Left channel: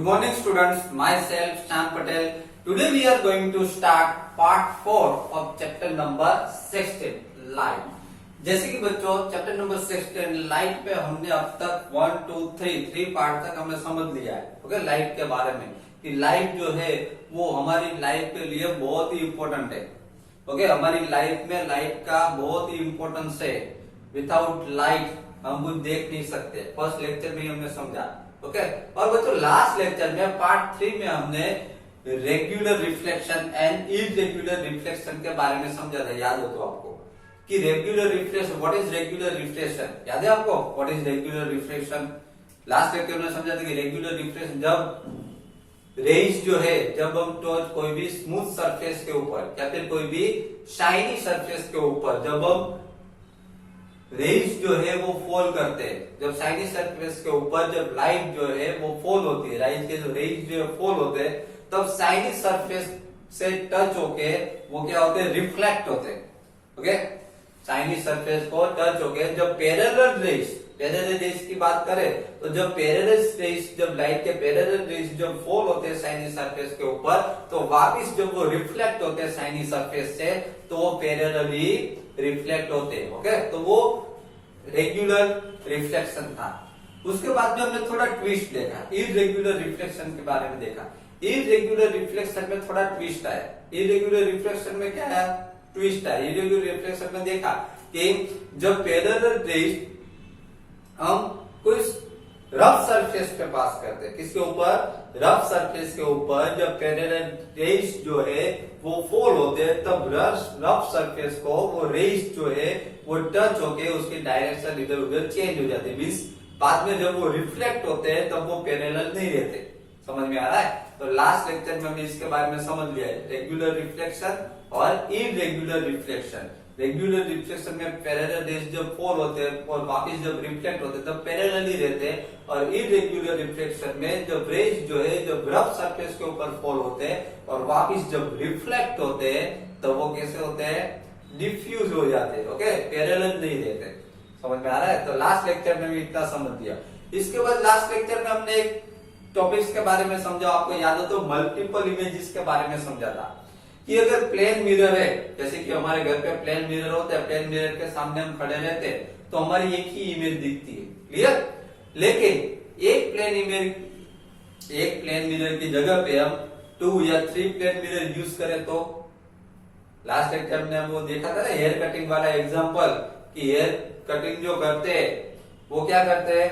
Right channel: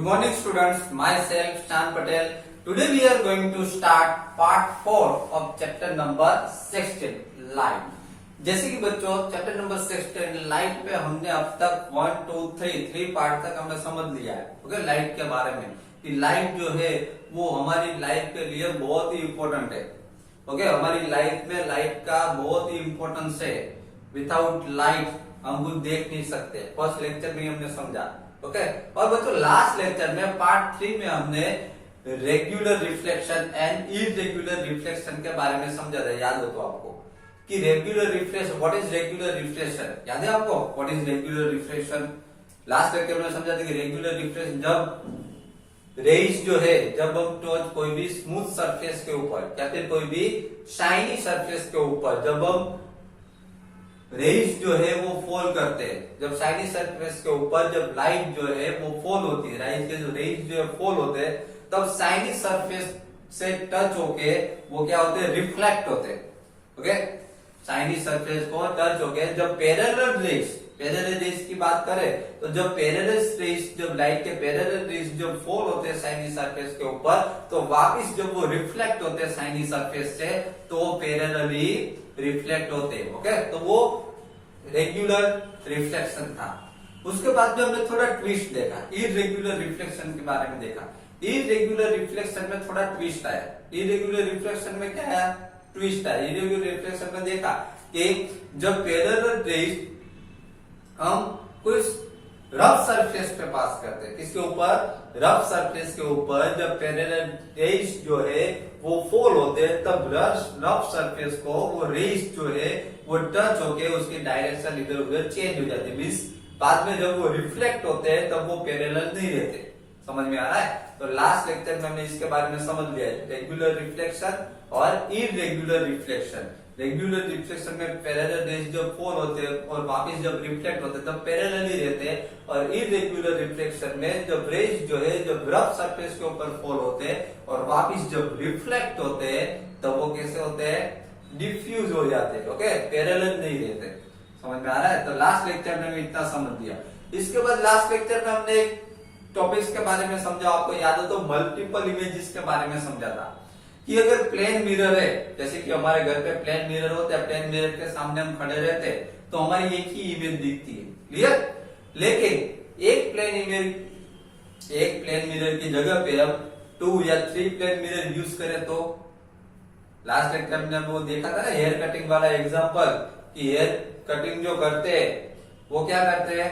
Good morning students, myself Shan Patel. Today we are going to start part 4 of chapter number 16 light. जैसे कि बच्चों chapter number 16 light पे हमने अब तक 1 2 3 पार्ट तक हमने समझ लिया है. ओके, लाइट के बारे में कि लाइट जो है वो हमारी लाइफ के लिए बहुत ही इम्पोर्टेंट है. ओके, हमारी लाइफ में लाइट का बहुत ही इम्पोर्टेंस है. विदाउट लाइट हम कुछ देख नहीं सकते. फर्स्ट लेक्चर में हमने समझा. ओके, और बच्चों लास्ट लेक्चर में पार्ट 3 में हमने regular reflection and irregular reflection के बारे में समझा था. याद हो तो आपको कि regular reflection, what is regular reflection, याद है आपको what is regular reflection? Last lecture में समझा था कि रेगुलर रिफ्लेक्शन जब रेज जो है, जब हम टच कोई भी स्मूथ सरफेस के ऊपर या फिर कोई भी शाइनी सरफेस के ऊपर जब हम रेज जो है वो फॉल करते हैं, जब शाइनी सरफेस के ऊपर जब लाइट जो है वो फॉल होती है, लाइट के जो रेज जो है फॉल होते हैं, तब शाइनी सरफेस से टच होके वो क्या होते हैं, रिफ्लेक्ट होते हैं. ओके, शाइनी सरफेस को टच होके जब पैरेलल रेज की बात करें तो जब पैरेलल रेज, जब लाइट के पैरेलल रेज जब फॉल होते हैं शाइनी सरफेस के ऊपर, तो वापिस जब वो रिफ्लेक्ट होते हैं शाइनी सरफेस से, तो वो पैरेलली रिफ्लेक्ट होते हैं. ओके, तो वो रेगुलर रिफ्लेक्शन था. उसके बाद जो हमने थोड़ा ट्विस्ट देखा, इरेगुलर रिफ्लेक्शन के बारे में देखा. इरेगुलर रिफ्लेक्शन में थोड़ा ट्विस्ट आया. इरेगुलर रिफ्लेक्शन में क्या है, ट्विस्ट है. इरेगुलर रिफ्लेक्शन में देखा कि जब पैरेलल रेज हम कुछ रफ सरफेस पे पास करते हैं, किसके ऊपर, रफ सरफेस के ऊपर जब पैरेलल रेज जो है वो फॉल होते हैं, तब रफ सरफेस को वो रेज जो है वो टच होके उसकी डायरेक्शन इधर उधर चेंज हो जाती है. मीन्स बाद में जब वो रिफ्लेक्ट होते हैं तब वो पैरेलल नहीं रहते. समझ में आ रहा है? तो लास्ट लेक्चर में हमने इसके बारे में समझ लिया है, रेगुलर रिफ्लेक्शन और इरेगुलर रिफ्लेक्शन. रेगुलर रिफ्लेक्शन में पैरेलल रेज जब फॉल होते हैं और वापस जब रिफ्लेक्ट होते हैं तब पैरेलल ही रहते हैं. और इरेगुलर रिफ्लेक्शन में जब रेज जो है जब रफ सरफेस के ऊपर फॉल होते हैं और वापस जब रिफ्लेक्ट होते हैं तब वो कैसे होते हैं, डिफ्यूज हो जाते हैं. ओके, पैरेलल नहीं रहते. समझ में आ रहा है? तो लास्ट लेक्चर में भी इतना समझ दिया. इसके बाद लास्ट लेक्चर में हमने एक टॉपिक्स के बारे में समझा, आपको याद हो तो मल्टीपल इमेजेस के बारे में समझा था कि अगर प्लेन मिरर है, जैसे कि हमारे घर पे प्लेन मिरर होता है, प्लेन मिरर के सामने हम खड़े रहते हैं तो हमारी एक ही इमेज दिखती है. क्लियर? लेकिन एक प्लेन मिरर की जगह पे हम 2 या 3 प्लेन मिरर यूज करें तो, लास्ट लेक्चर में वो देखा था ना हेयर कटिंग वाला एग्जांपल, कि हेयर कटिंग जो करते हैं वो क्या करते हैं,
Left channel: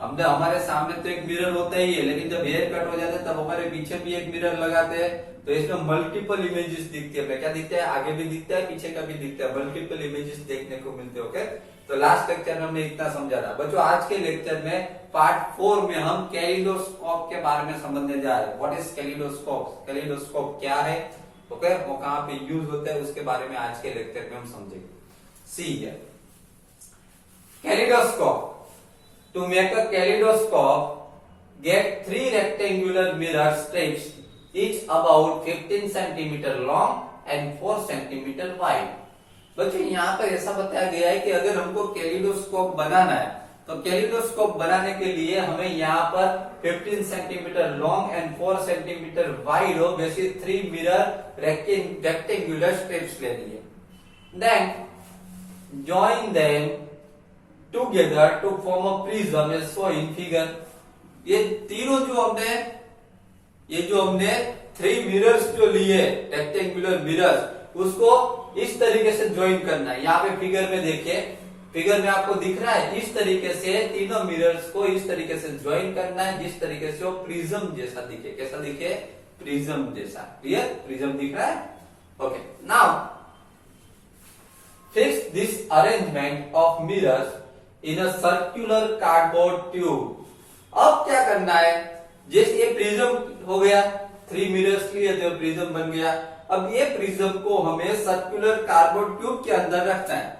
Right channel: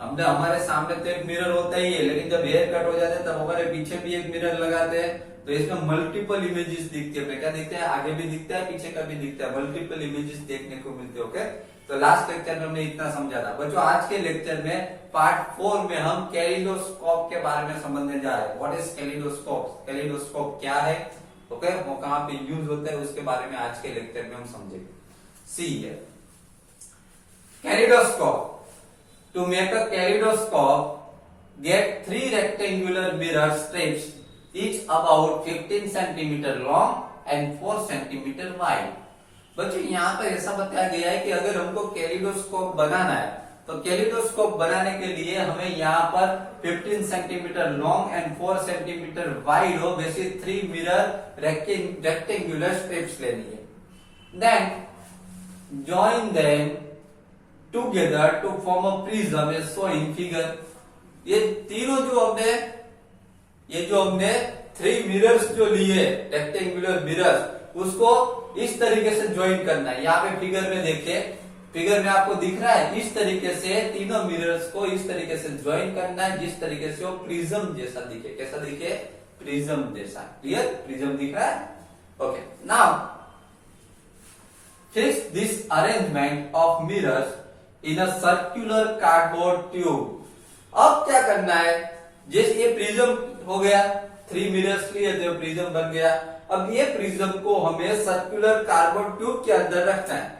हमने हमारे सामने तो एक मिरर होता ही है, लेकिन जब हेयर कट हो जाते हैं तब हमारे पीछे भी एक मिरर लगाते हैं. तो इसमें मल्टीपल इमेजेस दिखती है. क्या दिखते हैं, आगे भी दिखता है पीछे का भी दिखता है, मल्टीपल इमेजेस देखने को मिलते हैं. ओके, तो लास्ट लेक्चर में हमने इतना समझा था. बच्चों आज के लेक्चर में पार्ट 4 में हम कैलिडोस्कोप के बारे में समझने जा रहे हैं. व्हाट इज कैलिडोस्कोप, कैलिडोस्कोप क्या है, ओके, वो कहाँ पे यूज होता है, उसके बारे में आज के लेक्चर में हम समझेंगे. सी है kaleidoscope. To make a kaleidoscope, get 3 rectangular mirror strips, each about 15 centimeter long and 4 centimeter wide. बच्चों यहाँ पर ऐसा बताया गया है कि अगर हमको कैलिडोस्कोप बनाना है तो कैलिडोस्कोप बनाने के लिए हमें यहाँ पर 15 centimetre long and 4 centimetre wide हो वैसे 3 मिरर रेक्टेंगुलर स्ट्रिप्स लेनी है. Then join them together to form a prism as shown in figure. ये तीनों जो हमने 3 मिरर्स जो लिए रेक्टेंगुलर मिरर्स, उसको इस तरीके से ज्वाइन करना है. यहाँ पे फिगर में देखिए, फिगर में आपको दिख रहा है, इस तरीके से तीनों मिरर्स को इस तरीके से ज्वाइन करना है जिस तरीके से वो प्रिज्म जैसा दिखे. कैसा दिखे, प्रिज्म जैसा. क्लियर? प्रिज्म दिख रहा है. Okay, now fix this arrangement of mirrors in a circular cardboard tube. अब क्या करना है, जैसे ये प्रिज्म हो गया, 3 मिरर्स लिए तो प्रिज्म बन गया. अब ये प्रिज्म को हमें सर्कुलर कार्डबोर्ड ट्यूब के अंदर रखना है.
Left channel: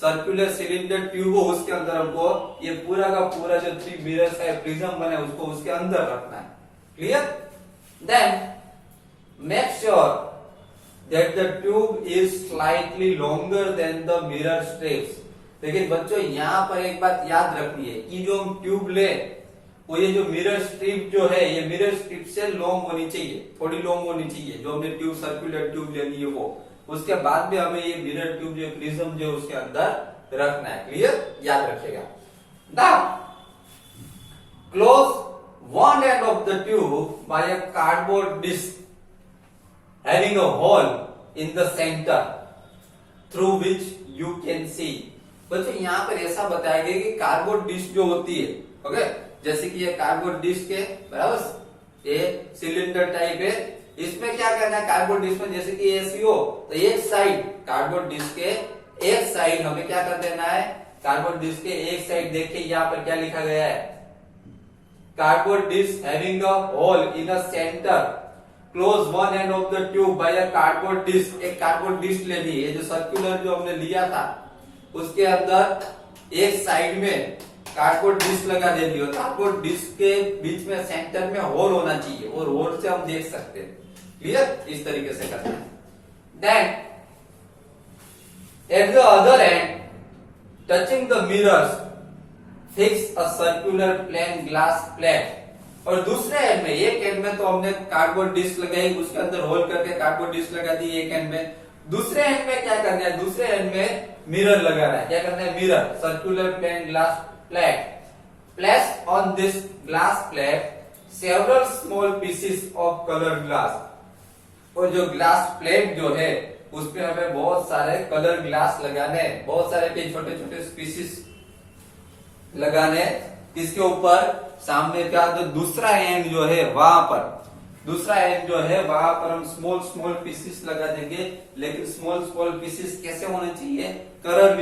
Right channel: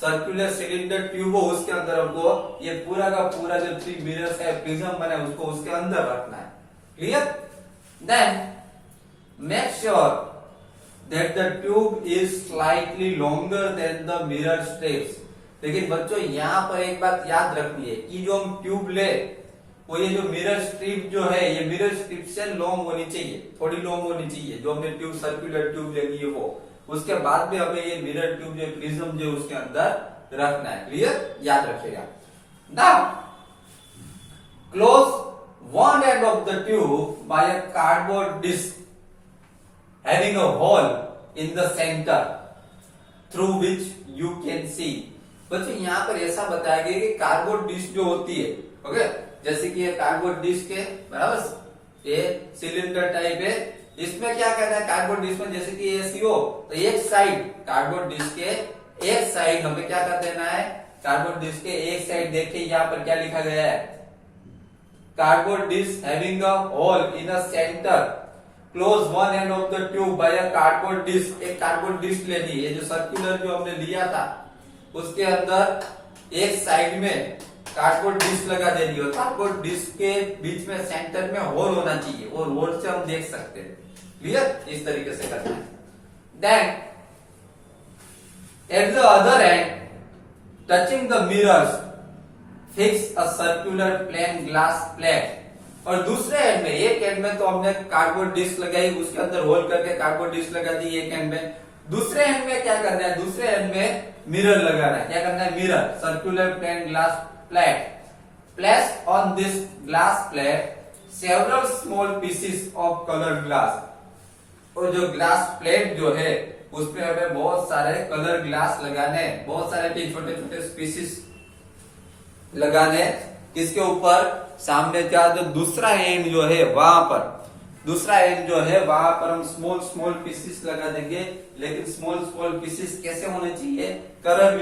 सर्कुलर सिलेंडर ट्यूब हो, उसके अंदर हमको ये पूरा का पूरा जो 3 मिरर्स है प्रिज्म बने उसको उसके अंदर रखना है. Clear? Then make sure that the tube is slightly longer than the mirror strips. लेकिन बच्चों यहाँ पर एक बात याद रखनी है कि जो हम ट्यूब ले वो ये जो मिरर स्ट्रिप जो है ये मिरर स्ट्रिप से लॉन्ग होनी चाहिए, थोड़ी लॉन्ग होनी चाहिए। जो हमने ट्यूब सर्कुलर ट्यूब लेनी है वो, उसके बाद में हमें ये मिरर ट्यूब जो प्रिज्म जो उसके अंदर रखना है। क्लियर, याद रखिएगा। Now close one end of the tube by a cardboard disc having a hole in the center through which you can see। बच्चों यहाँ पर ऐसा बताया गया कि कार्डबोर्ड डिस्क जो होती है, ओके, जैसे कि ये कार्डबोर्ड डिस्क है, बराबर, ये सिलेंडर टाइप है। इसमें क्या करना है कार्डबोर्ड डिस्क में, जैसे कि एसीओ, तो एक साइड कार्डबोर्ड डिस्क के एक साइड हमें क्या कर देना है, कार्डबोर्ड डिस्क के एक साइड देखिए यहाँ पर क्या लिखा गया है, cardboard disc having a hole in a center, close one end of the tube by a cardboard disc। एक कार्डबोर्ड डिस्क लेनी है, जो सर्कुलर जो हमने लिया था उसके अंदर एक साइड में कार्डबोर्ड डिस्क लगा देनी है। कार्डबोर्ड डिस्क के बीच में सेंटर में होल होना चाहिए और होल से हम देख सकते हैं। क्लियर, इस तरीके से करना है। Then at the other end touching the mirrors fix a circular plane glass plate. और दूसरे एंड में, एक एंड में तो हमने कार्डबोर्ड डिस्क लगाई, उसके अंदर होल करके कार्डबोर्ड डिस्क लगा दी एक एंड में। दूसरे एंड में क्या करना है, दूसरे एंड में मिरर लगाना है। क्या करना है, mirror circular plane glass plate. Place on this glass plate several small pieces of colour glass. और जो ग्लास प्लेट जो है उसमें हमें बहुत सारे कलर ग्लास लगाने, बहुत सारे छोटे छोटे पीसेस लगाने। इसके ऊपर सामने क्या, तो दूसरा एंड जो है वहां पर, दूसरा एंड जो है वहां पर हम स्मॉल स्मॉल पीसेस लगा देंगे। लेकिन स्मॉल स्मॉल पीसेस कैसे होने चाहिए, कलर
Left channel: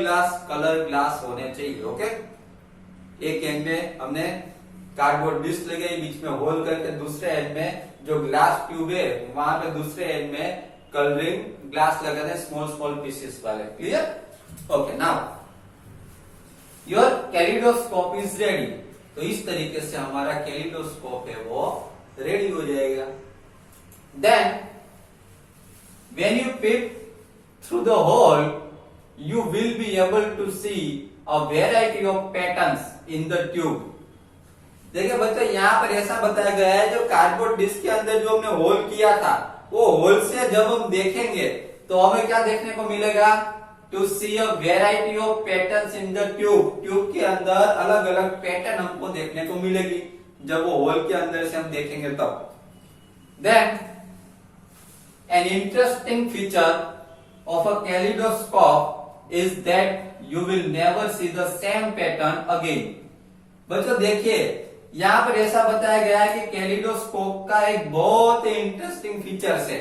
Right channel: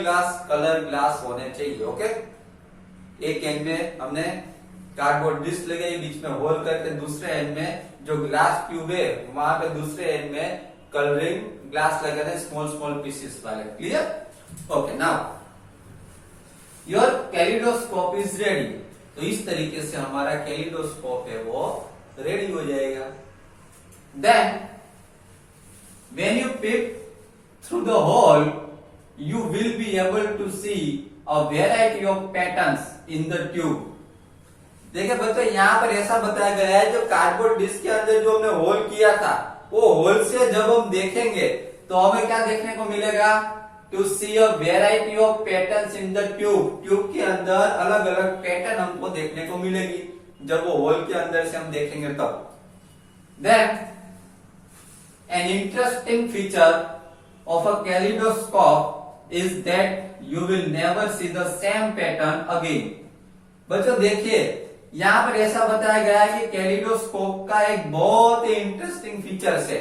ग्लास होने चाहिए। ओके, एक एंड में हमने कार्डबोर्ड डिस्क लगाई, बीच में होल करके दूसरे एंड में जो ग्लास ट्यूब है वहां पे दूसरे एंड में कलरिंग ग्लास लगाने, स्मॉल स्मॉल पीसेस वाले। Clear, okay. Now your kaleidoscope is ready. तो इस तरीके से हमारा कैलिडोस्कोप है वो रेडी हो जाएगा। Then when you pick through the hole you will be able to see a variety of patterns in the tube. देखिए बच्चों, यहाँ पर ऐसा बताया गया है, जो कार्डबोर्ड डिस्क के अंदर जो हमने होल किया था वो होल से जब हम देखेंगे तो हमें क्या देखने को मिलेगा, to see a variety of patterns in the tube. Tube के अंदर अलग अलग पैटर्न हमको देखने को मिलेगी जब वो होल के अंदर से हम देखेंगे तब। Then an interesting feature of a kaleidoscope is that you will never see the same pattern again. बच्चों देखिए, यहाँ पर ऐसा बताया गया है कि कैलिडोस्कोप का एक बहुत ही इंटरेस्टिंग फीचर्स है।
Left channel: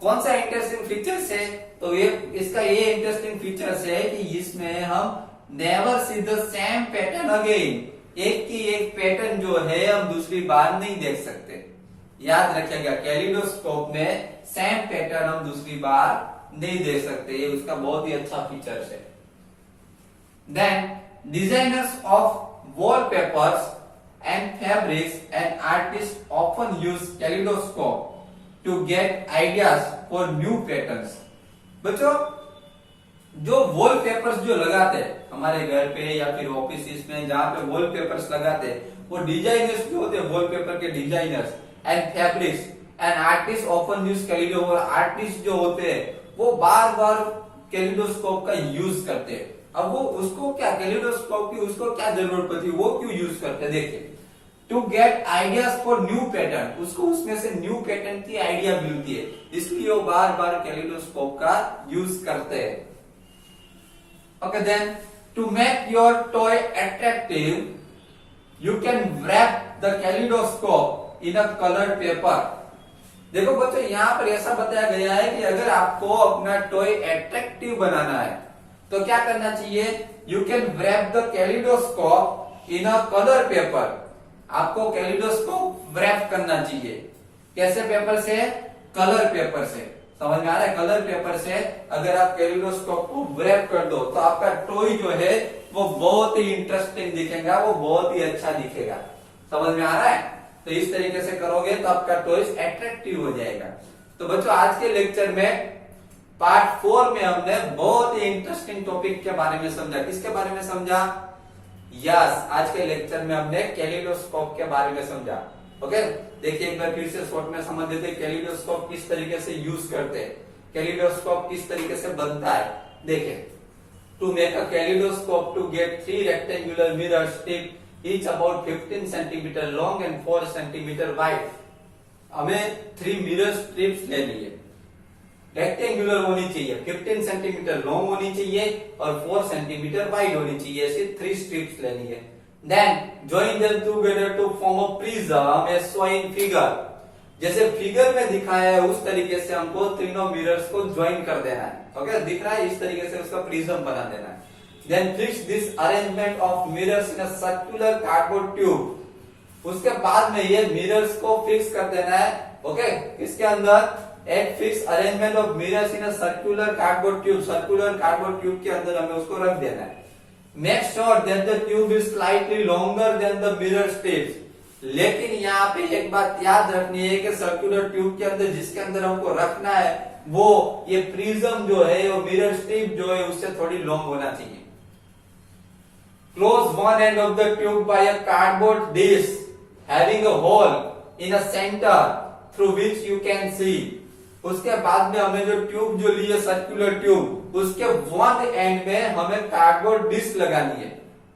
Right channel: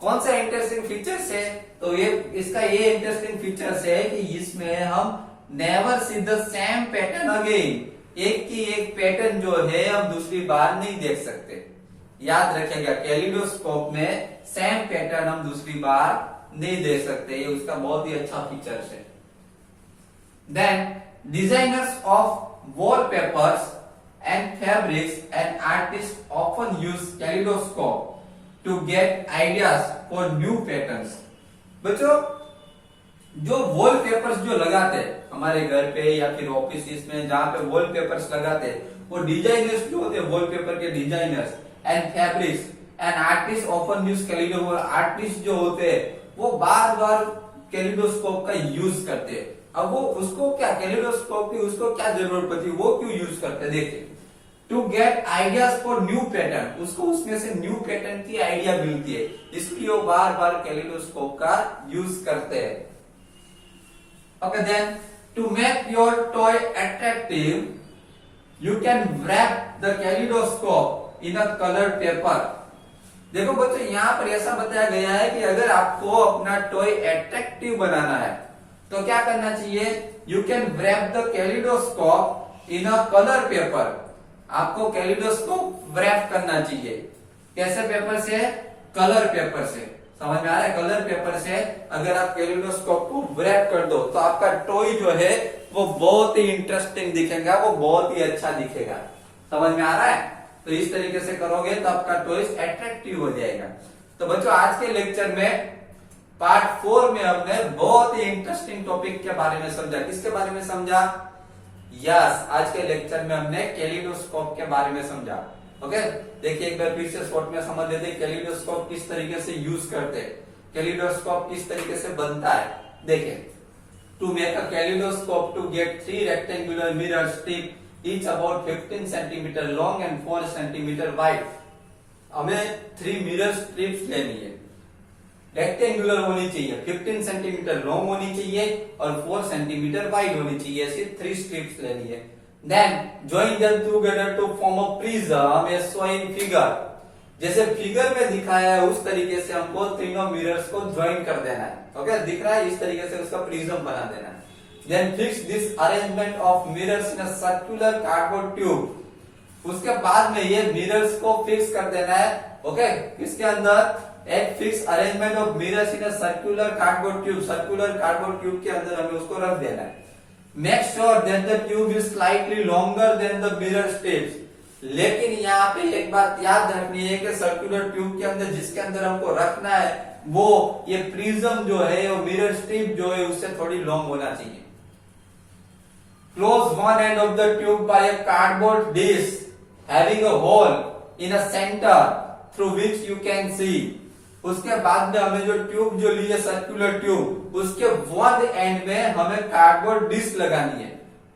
कौन सा इंटरेस्टिंग फीचर्स है, तो ये इसका ये इंटरेस्टिंग फीचर्स है कि इसमें हम never see the same pattern again, एक की एक पैटर्न जो है हम दूसरी बार नहीं देख सकते। याद रखिएगा, कैलिडोस्कोप में सेम पैटर्न हम दूसरी बार नहीं देख सकते, ये उसका बहुत ही अच्छा फीचर्स है। Then designers of wallpapers and fabrics and artists often use kaleidoscope to get ideas for new patterns। बच्चों, जो वॉलपेपर्स जो लगाते हैं हमारे घर पे या फिर ऑफिस में, जहां पे वॉलपेपर्स लगाते हैं, वो डिजाइनर्स जो होते हैं, वॉलपेपर के designers and fabrics and artist often use kaleidoscope. Artist जो होते हैं वो बार बार कैलिडोस्कोप का यूज करते हैं। अब वो उसको क्या, कैलिडोस्कोप की उसको क्या जरूरत पड़ती है, वो क्यों यूज करते हैं, देखिए। To get ideas for new pattern, उसको उसमें से न्यू पैटर्न की आइडिया मिलती है, इसलिए वो बार बार कैलिडोस्कोप का यूज करते हैं। Okay, then to make your toy attractive you can wrap the kaleidoscope in a coloured paper. देखो बच्चों, यहाँ पर ऐसा बताया गया है कि अगर आपको अपना टॉय अट्रैक्टिव बनाना है तो क्या करना चाहिए, you can wrap the kaleidoscope in a colour paper. आपको कैलिडोस्कोप रैप करना चाहिए, कैसे पेपर से, कलर पेपर से। समझ में आ रहा है, कलर पेपर से अगर आप कैलिडोस्कोप को रैप कर दो तो आपका टॉय जो है वो बहुत ही इंटरेस्टिंग दिखेगा, वो बहुत ही अच्छा दिखेगा। समझ में आ रहा है, तो इस तरीके से करोगे तो आपका टॉय अट्रैक्टिव हो जाएगा। तो बच्चों, आज के लेक्चर में पार्ट 4 में हमने बहुत ही इंटरेस्टिंग टॉपिक के बारे में समझा। किसके बारे में समझा, यस, आज के लेक्चर में हमने कैलिडोस्कोप के बारे में समझा। ओके, देखिए एक बार फिर से शॉर्ट में समझ लेते हैं कैलिडोस्कोप किस तरीके से यूज करते हैं, कैलिडोस्कोप किस तरीके से बनता है। देखिए, to make a kaleidoscope to get 3 rectangular mirror strip each about 15 centimetre long and 4 centimetre wide. हमें 3 मिरर स्ट्रिप्स लेनी है, रेक्टेंगुलर होनी चाहिए, 15 सेंटीमीटर लॉन्ग होनी चाहिए और 4 सेंटीमीटर वाइड होनी चाहिए, ऐसी 3 स्ट्रिप्स लेनी है। Then join them together to form a prism as shown in figure. जैसे फिगर में दिखाया है उस तरीके से हमको तीनों मिरर्स को ज्वाइन कर देना है। ओके, दिख रहा है, इस तरीके से उसका प्रिज्म बना देना है। Then fix this arrangement of mirrors in a circular cardboard tube. उसके बाद में ये मिरर्स को फिक्स कर देना है। ओके, इसके अंदर एक fix arrangement of mirrors in a circular cardboard tube, circular cardboard tube के अंदर हमें उसको रख देना है। Make sure that the tube is slightly longer than the mirror strips. लेकिन यहाँ पे एक बात याद रखनी है कि सर्कुलर ट्यूब के अंदर जिसके अंदर हमको रखना है वो ये प्रिज्म जो है, वो मिरर स्ट्रिप जो है उससे थोड़ी लॉन्ग होना चाहिए। Close one end of the tube by a cardboard dish having a hole in a center through which you can see। उसके बाद में हमें जो ट्यूब जो ली है सर्कुलर ट्यूब, उसके वन एंड में हमें कार्डबोर्ड डिश लगानी है।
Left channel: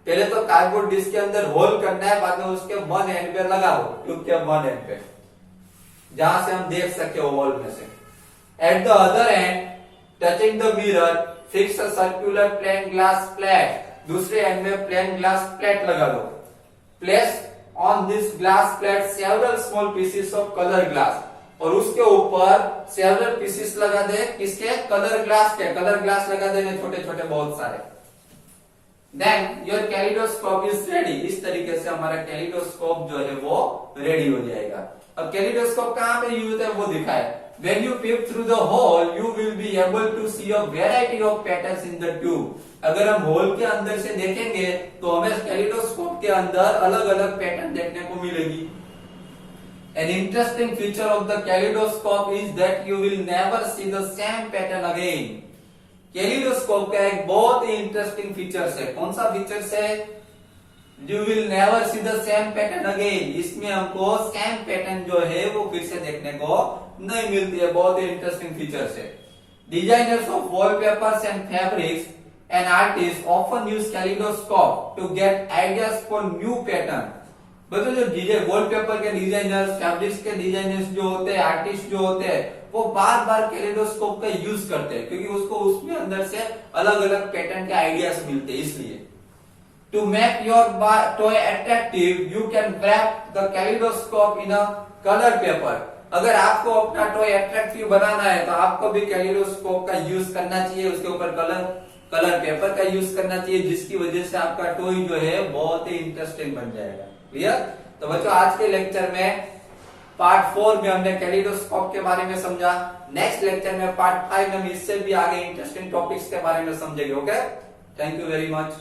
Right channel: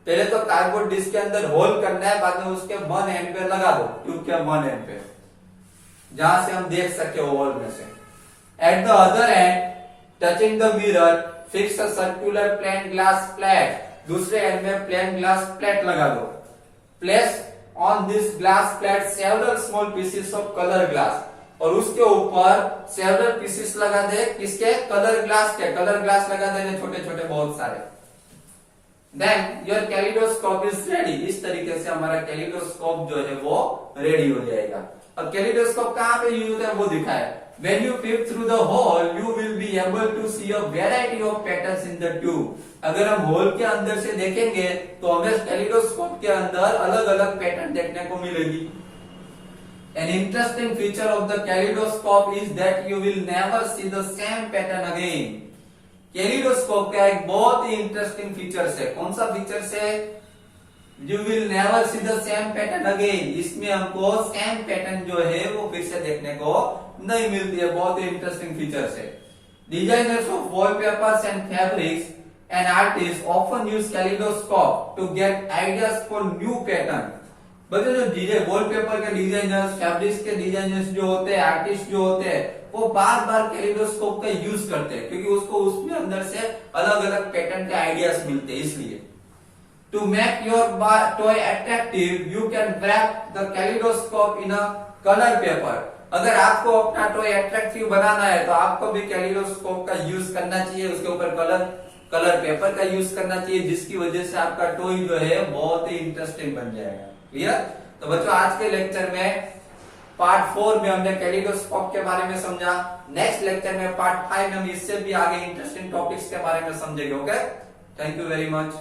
पहले तो कार्डबोर्ड डिश के अंदर होल करना है, बाद में उसके वन एंड पे लगा दो, ट्यूब के वन एंड पे, जहां से हम देख सके होल में से। At the other end touching the mirror fix a circular plane glass plate. दूसरे एंड में प्लेन ग्लास प्लेट लगा दो। Place on this glass plate several small pieces of colour glass. और उसके ऊपर सेवरल पीसेस लगा दे, किसके? कलर ग्लास के। कलर ग्लास लगा देने छोटे छोटे बहुत सारे। Then your kaleidoscope is ready. इस तरीके से हमारा कैलिडोस्कोप जो है वो रेडी हो जाएगा। अब कैलिडोस्कोप कहाँ पे यूज होता है वो दिखा है। When you peep through the hole, you will be able to see a variety of patterns in the tube। अगर हम होल के अंदर से देखेंगे तो हमें कैलिडोस्कोप के अंदर अलग अलग पैटर्न देखने को मिलेगी। An interesting feature of the kaleidoscope is that you will never see the same pattern again। Kaleidoscope का एक बहुत ही इंटरेस्टिंग फीचर्स है। कौन सा फीचर्स है? You will never see the same pattern again। इसमें हमको सेम पैटर्न जो है वो फिर से देखने को नहीं मिलती है। बहुत ही इंटरेस्टिंग फीचर्स है। Designers of wallpapers and fabrics and artist often use kaleidoscope to get ideas for new pattern. बच्चों जो वॉलपेपर के डिजाइनर्स, फैब्रिक्स के डिजाइनर्स जो होते हैं, आर्टिस्ट जो होते हैं, वो बार बार कैलिडोस्कोप का यूज करते हैं क्योंकि उसको उसमें अंदर से अलग अलग पैटर्न के आइडियाज मिलते हैं। इसलिए To make your toy attractive, you can wrap the kaleidoscope in a color paper। अगर आपको अपना टॉय अट्रैक्टिव बनाना है तो आपको भी कैलिडोस्कोप का यूज करना चाहिए, उसके ऊपर कलर पेपर का यूज करना चाहिए, जिसकी वजह से आपका टॉय जो है बहुत ही इंटरेस्टिंग बन जाएगा। क्लियर? तो बच्चों आज के लेक्चर में पार्ट 4 में हमने कैलिडोस्कोप के बारे में समझा। नेक्स्ट लेक्चर में पार्ट 5 में हम इससे भी आगे इंटरेस्टिंग टॉपिक्स के बारे में समझेंगे। Okay, thank you very much.